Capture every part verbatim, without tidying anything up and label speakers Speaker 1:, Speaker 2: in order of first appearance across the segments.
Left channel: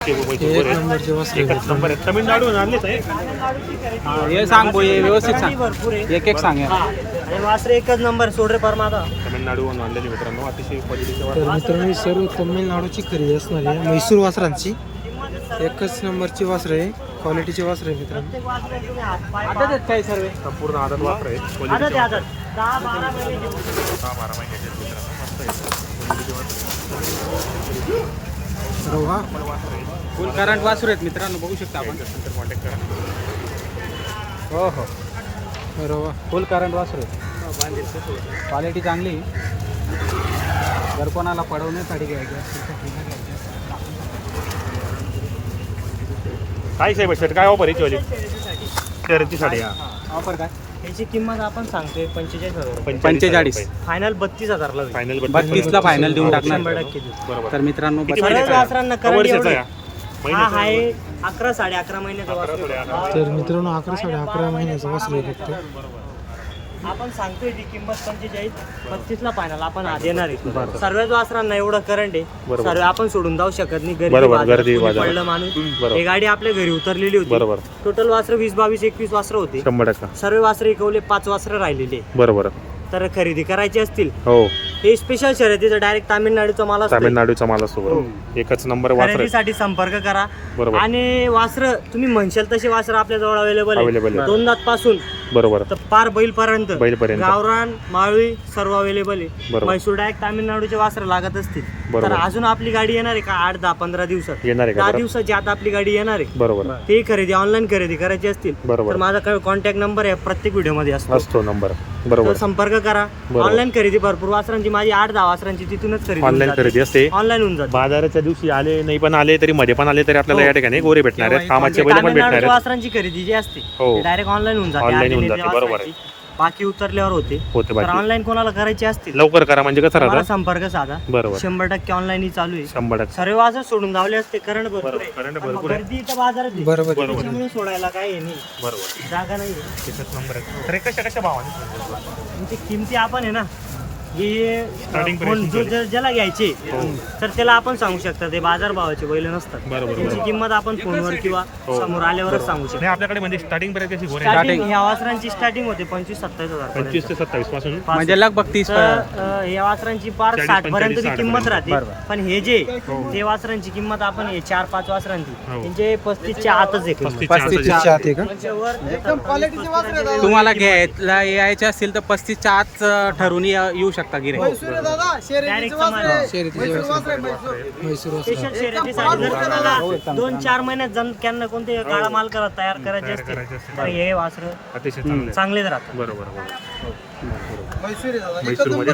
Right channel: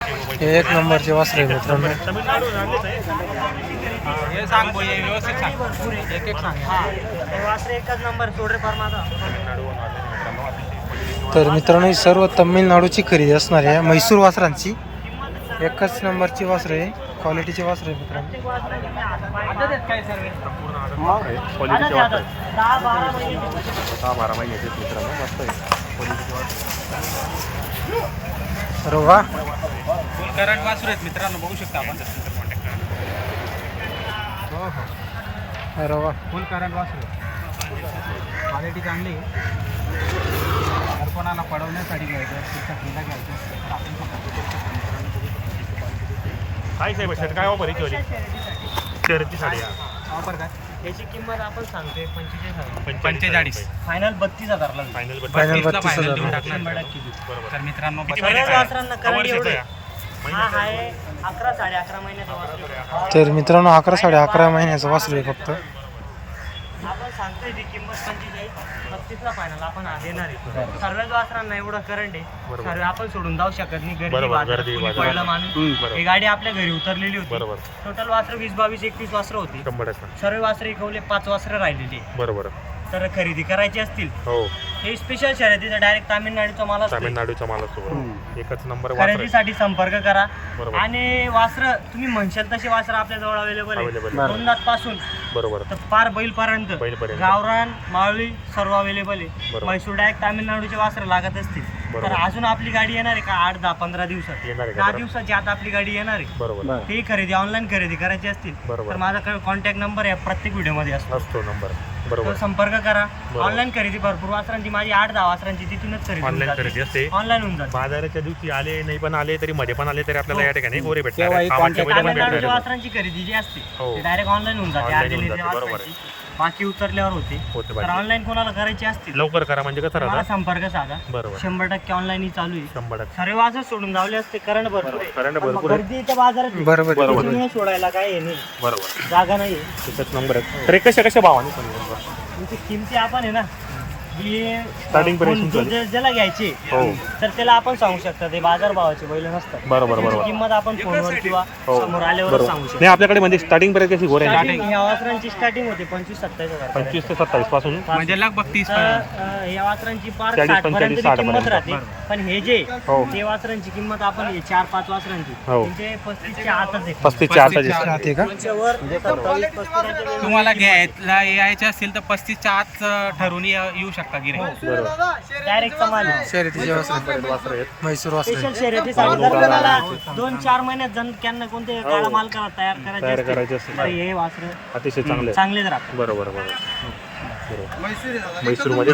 Speaker 1: हे एक नंबरचे वासरे मित्रांनो.
Speaker 2: तमिळनाडून आणलेच आहे. हे सांग भाऊ, हे व्यवस्थित सांग, एक एक सांग.
Speaker 3: हे वासरे एकच नंबर सोडरे परमादा
Speaker 2: तमिळनाडून आणलेले मित्रांनो, अतिशय क्वालिटीचे.
Speaker 1: तर मित्रांनो ही सर्व तमिळनाडूची खरेदी असणार आहे म्हैसूर वासरांची. एकच नंबरची वासरे आहे, क्वालिटीची वासरे आहे मित्रांनो.
Speaker 2: आदत आहेत काय सर्व? संपूर्ण आदत वापर आहे.
Speaker 3: आदत
Speaker 2: क्वालिटीचे वापर
Speaker 3: आदत दहा बारा महिने
Speaker 2: दहा बारा महिन्याचे मित्रांनो. क्वालिटीचे वापर.
Speaker 1: तर वा
Speaker 2: फुल करंट वासरू आहेत मित्रांनो, बघू शकता आपण. कॉन्टॅक्ट करा. हो हो,
Speaker 1: अरे वा
Speaker 2: फुल करंट वासरू. क्वालिटी चांगली. जर कोणाला पडवण्यासाठी घ्यायचं असेल तर हिला घ्यायचं. काय साहेब शर्ट काय ऑफर याची वाली शर्यतीसाठी? ऑफर काय?
Speaker 3: याची किंमत आपण सांगतोय पंचेचाळीस हजार
Speaker 2: पंचेचाळीस.
Speaker 3: फायनल बत्तीस हजारला होईल.
Speaker 2: फायनल
Speaker 1: बत्तीसला
Speaker 2: फायनल देऊन
Speaker 3: शंभर
Speaker 2: टाकणार.
Speaker 3: टक्के देऊ.
Speaker 2: तर मित्रांनो
Speaker 3: सगळ्याच
Speaker 2: बघा,
Speaker 3: वासरांना करंट
Speaker 2: वर्षाचा
Speaker 3: एवढे.
Speaker 2: आहे.
Speaker 3: हा आहे अकरा साडे अकरा महिन्याचा वासरू.
Speaker 1: तर मित्रांनो अकरा साडे अकरा महिन्याचं वासरू आहे फक्त.
Speaker 3: आपण सांगतोय ती किंमत पंचेचाळीस बत्तीसला फायनल आपण आज येणार आहे.
Speaker 2: बरं.
Speaker 3: सर्वच वासरांना एवढं करंट आहे,
Speaker 2: बरोबर.
Speaker 3: सर्व आपण सोडून जाऊ शकत नाही. गर्दी
Speaker 2: बरोबर,
Speaker 3: बाजार,
Speaker 2: गर्दी
Speaker 3: कोणी
Speaker 2: बाजार.
Speaker 3: पडलं माणूस.
Speaker 2: हम्म, बरोबर.
Speaker 3: ही गाडी आपल्या घरी उतरलेली होती.
Speaker 2: बरोबर.
Speaker 3: टोटल वासरं वीस बावीस एकवीस वासरं होती.
Speaker 2: शंभर टक्का.
Speaker 3: सर्व वासरं इकवले, पाच वासरं राहिलेली आहे.
Speaker 2: बरोबर.
Speaker 3: तर खरेदी करायची असतील
Speaker 2: हो,
Speaker 3: हे स्पेशल शर्यतीचं डायरेक्ट तामिळनाडूचा माल असतो.
Speaker 2: तामिळनाडूचा माल असतो.
Speaker 3: हो.
Speaker 2: एकच नंबर वापर आहे.
Speaker 3: खरेदीसाठी संपर्क करा.
Speaker 2: बरोबर.
Speaker 3: आणि वासरं तुम्ही म्हणशाल तसे वासरं आपल्या जवळ अवेलेबल
Speaker 2: Available
Speaker 3: आहे.
Speaker 2: आहे.
Speaker 3: दोन दात पासून
Speaker 2: बरोबर.
Speaker 3: तर पार बैलपर्यंत
Speaker 2: बैलपर्यंत.
Speaker 3: गावरान माळी सर्व अवेलेबल आहे.
Speaker 2: बरोबर.
Speaker 3: म्हैसूर डायरेक्ट तामिळनाडूचे वासरं लागत असतील
Speaker 2: बरोबर.
Speaker 3: तर अजून आपली गाडी येणार आहे का आठ दहा पंधरा दिवसात
Speaker 2: येणार आहे का?
Speaker 3: दहा
Speaker 2: बरोबर.
Speaker 3: दिवसाची आता आपली गाडी येणार आहे.
Speaker 2: बरोबर.
Speaker 3: ते खरेदी ऑनलाईन खरेदी करायची असतील
Speaker 2: बरोबर.
Speaker 3: तर माझा कॉन्टॅक्ट नंबर आहे प्रत्येक व्हिडिओमध्ये असतो.
Speaker 2: असतो नंबर.
Speaker 3: तर
Speaker 2: बरोबर.
Speaker 3: संपर्क करा.
Speaker 2: बरोबर.
Speaker 3: ऑनलाईन खरेदी भरपूर वासरांची माझी आठ दहा वासरांची तिथूनच खरेदी
Speaker 2: ऑनलाईन खरेदी असते.
Speaker 3: ऑनलाईन होऊन जाते.
Speaker 2: बाजाराच्या दिवशी आले नाही पण आले तरी मध्ये पण आले तरी आपल्याला
Speaker 3: हो.
Speaker 2: या ठिकाणी गोरे भेटणार आहेत.
Speaker 3: तेव्हा
Speaker 2: कामाचे
Speaker 3: एक
Speaker 2: बैल पण भेटणार
Speaker 3: तामिळनाडूच्या
Speaker 2: आहेत.
Speaker 3: वासरांची खरेदी जी असते
Speaker 2: हो.
Speaker 3: डायरेक्ट ऑनलाईन होऊन जाते.
Speaker 2: Online होऊन
Speaker 3: आधीने
Speaker 2: जाते,
Speaker 3: त्या
Speaker 2: बरोबर आहे.
Speaker 3: वासरांची बाकी उतरल्यावर होते.
Speaker 2: होते
Speaker 3: तर
Speaker 2: बाकी.
Speaker 3: ऑनलाईन कोणाला करायची असतील
Speaker 2: लवकर करा म्हणजे कसं
Speaker 3: तर मला
Speaker 2: राहतं.
Speaker 3: संपर्क साधा.
Speaker 2: बरोबर.
Speaker 3: शंभर टक्के ऑनलाईन चालू आहे.
Speaker 2: शंभर टक्के.
Speaker 3: सर्व वाजत सोडून जावले असते कारण
Speaker 2: बरोबर. करंट भरपूर आहे.
Speaker 3: गर्दी इथं बाजारात आहे.
Speaker 1: बरोबर आहे.
Speaker 3: त्याच्यामुळे सोडायला काही हे नाही,
Speaker 2: बरोबर.
Speaker 3: जागा नाही.
Speaker 2: एकच नंबर आहे. तर हे कशा कशा भावाने सांगितलं?
Speaker 3: इथे किमती आपण आहे ना की
Speaker 2: Starting
Speaker 3: कोण
Speaker 2: price
Speaker 3: जो ज्या- ज्याला घ्यायचे
Speaker 2: हो.
Speaker 3: तर त्याला आपण सांगू शकतो ते बाजार भावाचे बैल नसतात.
Speaker 2: बरोबर,
Speaker 3: त्याची
Speaker 2: बरोबर.
Speaker 3: किंमत आपण फोनवर किंवा
Speaker 2: हो.
Speaker 3: समोर आल्यावरच सांगू शकतो.
Speaker 2: नाही आपल्याकडे म्हणजे स्टार्टिंग पर्यंत कशी गोरे
Speaker 3: स्टार्टिंग ह्या वासरांची स्टार्टिंग होते पंचवीस सत्तावीस हजार
Speaker 2: पंचवीस ते सत्तावीस पासून
Speaker 3: म्हणजे
Speaker 2: लगभग तीस.
Speaker 3: या वासरांची पार
Speaker 2: चाळीस,
Speaker 3: साठ पर्यंत
Speaker 2: पंचेचाळीस, साठ
Speaker 3: किंमत
Speaker 2: पर्यंत.
Speaker 3: राहते.
Speaker 2: बरोबर.
Speaker 3: पण हे जे
Speaker 2: हो.
Speaker 3: ते वासरांची किंमत आपण हे चार पाच वासरांची
Speaker 2: हो.
Speaker 3: म्हणजे पस्तीसच्या आतच आहे किंमत.
Speaker 2: पस्तीसच्या आत
Speaker 1: पस्तीसच्या आत आहे का?
Speaker 3: त्याच्यावर सत्तावीस, पस्तीसच्या वेगवेगळी
Speaker 4: तुम्हाला
Speaker 3: किंमत आहे.
Speaker 4: घ्यायला यायचे असतील तर पस्तीसच्या आत ठरवून ये- येऊ शकता गिऱ्हाईक.
Speaker 3: डायरेक्ट कमाल आहे.
Speaker 1: शर्यतीचे वासरे म्हैसूर वासरे.
Speaker 3: स्पेशल शर्यतीसाठी जर कोणाला दोन चार महिन्यात जण त्यांना कोणते काळा माल करा तयार करायचे
Speaker 2: तयार
Speaker 3: असतील,
Speaker 2: करायचे असतील.
Speaker 3: तर हे वासर
Speaker 2: अतिशय चांगले.
Speaker 3: चांगलेच राहतात.
Speaker 2: बरोबर बरोबर. म्हैसूरमध्ये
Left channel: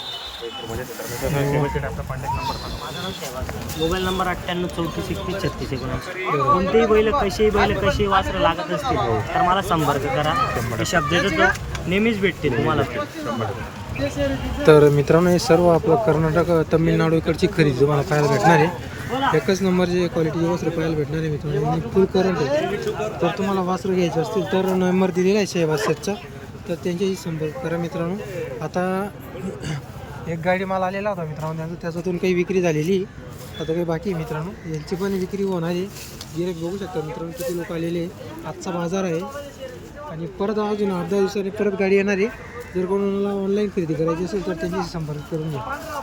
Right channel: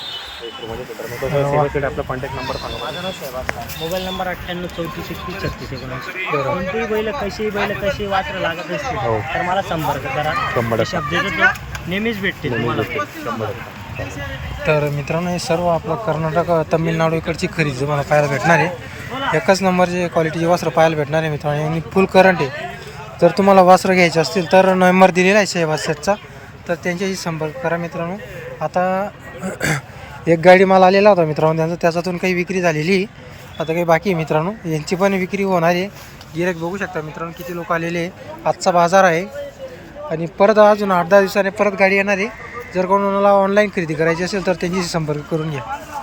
Speaker 2: आपला कॉन्टॅक्ट नंबर सांगा.
Speaker 3: मोबाईल नंबर अठ्ठ्याण्णव चौतीस एकतीस छत्तीस एकोणऐंशी. कोणतेही बैल कशीही बैल कशी वासरं लागत असतील तर मला संपर्क करा.
Speaker 2: शंभर.
Speaker 3: शब्द देतो नेहमीच भेटतील तुम्हाला बैल.
Speaker 1: तर मित्रांनो हे सर्व आपलं कर्नाटक तमिळनाडू इकडची खरेदी तुम्हाला पाहायला भेटणार आहे. एकच नंबरचे क्वालिटीचे वस्त्र पाहायला भेटणार आहे मित्रांनो. आणि फुल करंट आहे. जर तुम्हाला वस्त्र घ्यायचे असतील तर नंबर दिलेला आहे शहबाज सेटचा, तर त्यांच्याशी संपर्क करा मित्रांनो. आता एक गाडी माल आलेला होता मित्रांनो त्यांचा, त्याच्यातून काही विक्री झालेली आहे. आता काही बाकी आहे मित्रांनो, यांची पण विक्री होणार आहे. गिऱ्हाईक बघू शकता मित्रांनो किती लोक आलेले आहे. आजचा बाजार आहे आणि परत अजून आठ दहा दिवसाने परत गाडी येणार आहे. जर कोणाला ऑनलाईन खरेदी करायची असेल तर त्यांच्याशी संपर्क करून घ्या.